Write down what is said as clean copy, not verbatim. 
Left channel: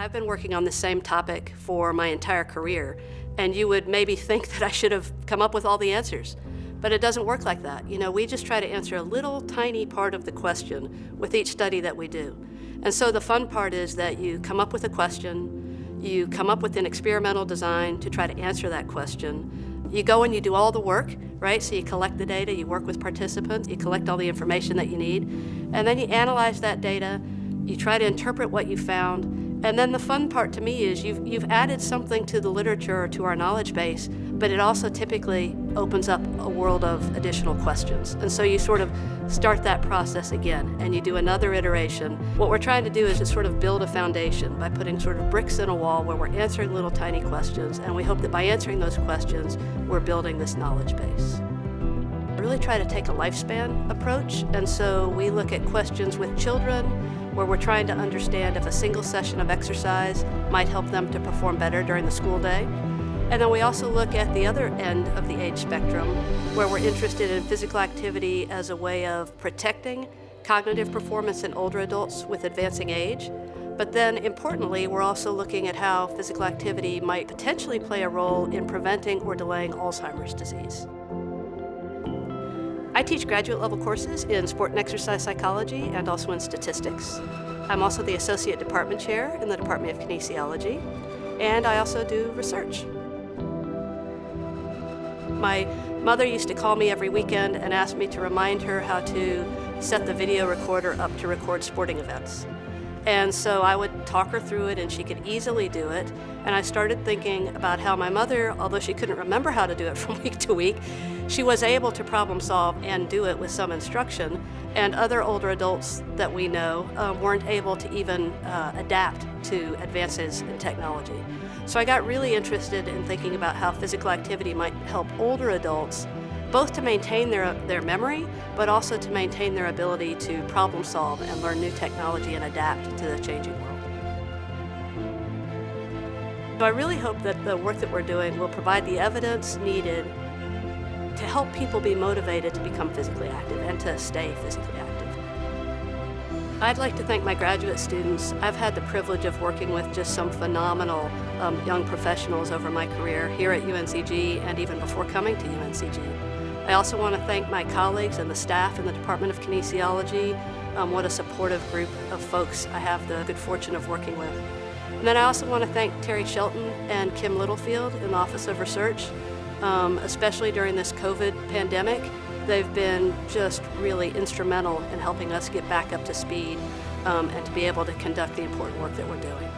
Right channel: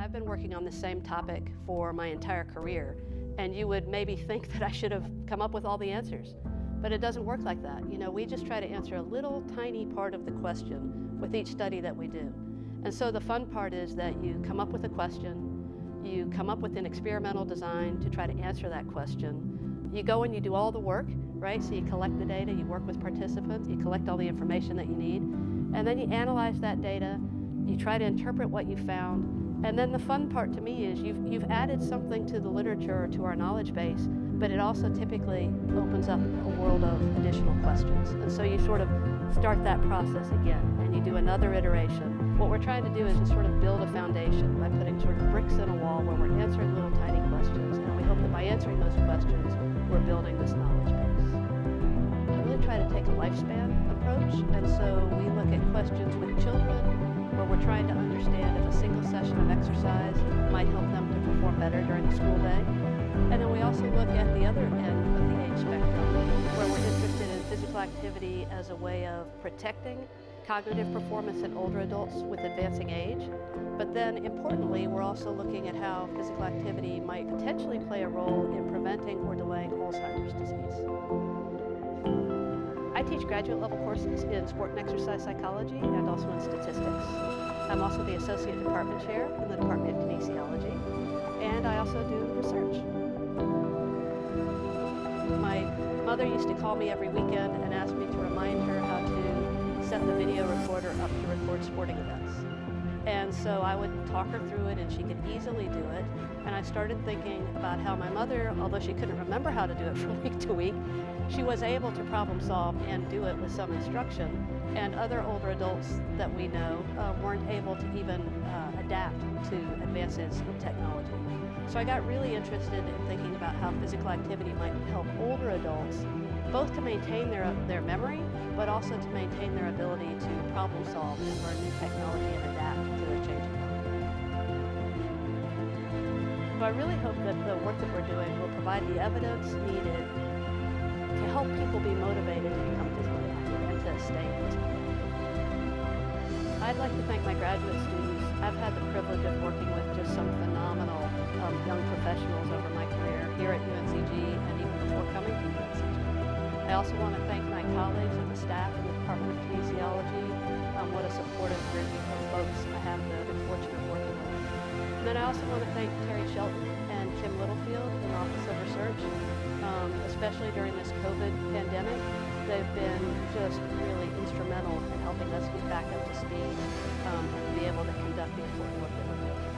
I've been working on the same topic for my entire career, and you would maybe think that I should have come up with all the answers. But it doesn't work like that. We just try to answer a little tiny part of the question with each study that we do. And so the fun part is that you come up with a question, you come up with an experimental design to try to answer that question. You go and you do all the work, right? So you collect the data, you work with participants, you collect all the information that you need, and then you analyze that data, you try to interpret what you found, and then the fun part to me is you've added something to the literature or to our knowledge base, but it also typically opens up a world of additional questions. And so you sort of start that process again, and you do another iteration. What we're trying to do is just sort of build a foundation by putting sort of bricks in a wall where we're answering little tiny questions, and we hope that by answering those questions, we're building this knowledge base. We really try to take a lifespan approach, and so we look at questions with children, where we're trying to understand if a single session of exercise might help them to perform better during the school day. And then we also look at the other end of the age spectrum, where we're interested in physical activity as a way of protecting cognitive performance in older adults with advancing age. But then, importantly, we're also looking at how physical activity might potentially play a role in preventing or delaying Alzheimer's disease. I teach graduate level courses in sport and exercise psychology and also in statistics. I'm also the associate department chair in the Department of Kinesiology, and I also do research. My mother used to call me every weekend and ask me to remind her how to set the video recorder up to record sporting events. And so I would talk her through it, and she could easily do it. And I started thinking about how my mother, although she couldn't remember how to do it from week to week, she was able to problem solve and do it with some instruction. And other older adults that we know weren't able to even adapt to advances in technology. So I got really interested in thinking about how physical activity might help older adults both to maintain their memory, but also to maintain their ability to problem solve and learn new technology and adapt to the changing world. So I really hope that the work that we're doing will provide the evidence needed to help people be motivated to become physically active and to stay physically active. I'd like to thank my graduate students. I've had the privilege of working with just some phenomenal young professionals over my career here at UNCG and even before coming to UNCG. I also want to thank my colleagues and the staff in the Department of Kinesiology. What a supportive group of folks I have the good fortune of working with. And then I also want to thank Terry Shelton and Kim Littlefield in the Office of Research, especially during this COVID pandemic. They've been just really instrumental in helping us get back up to speed and to be able to conduct the important work that we're doing.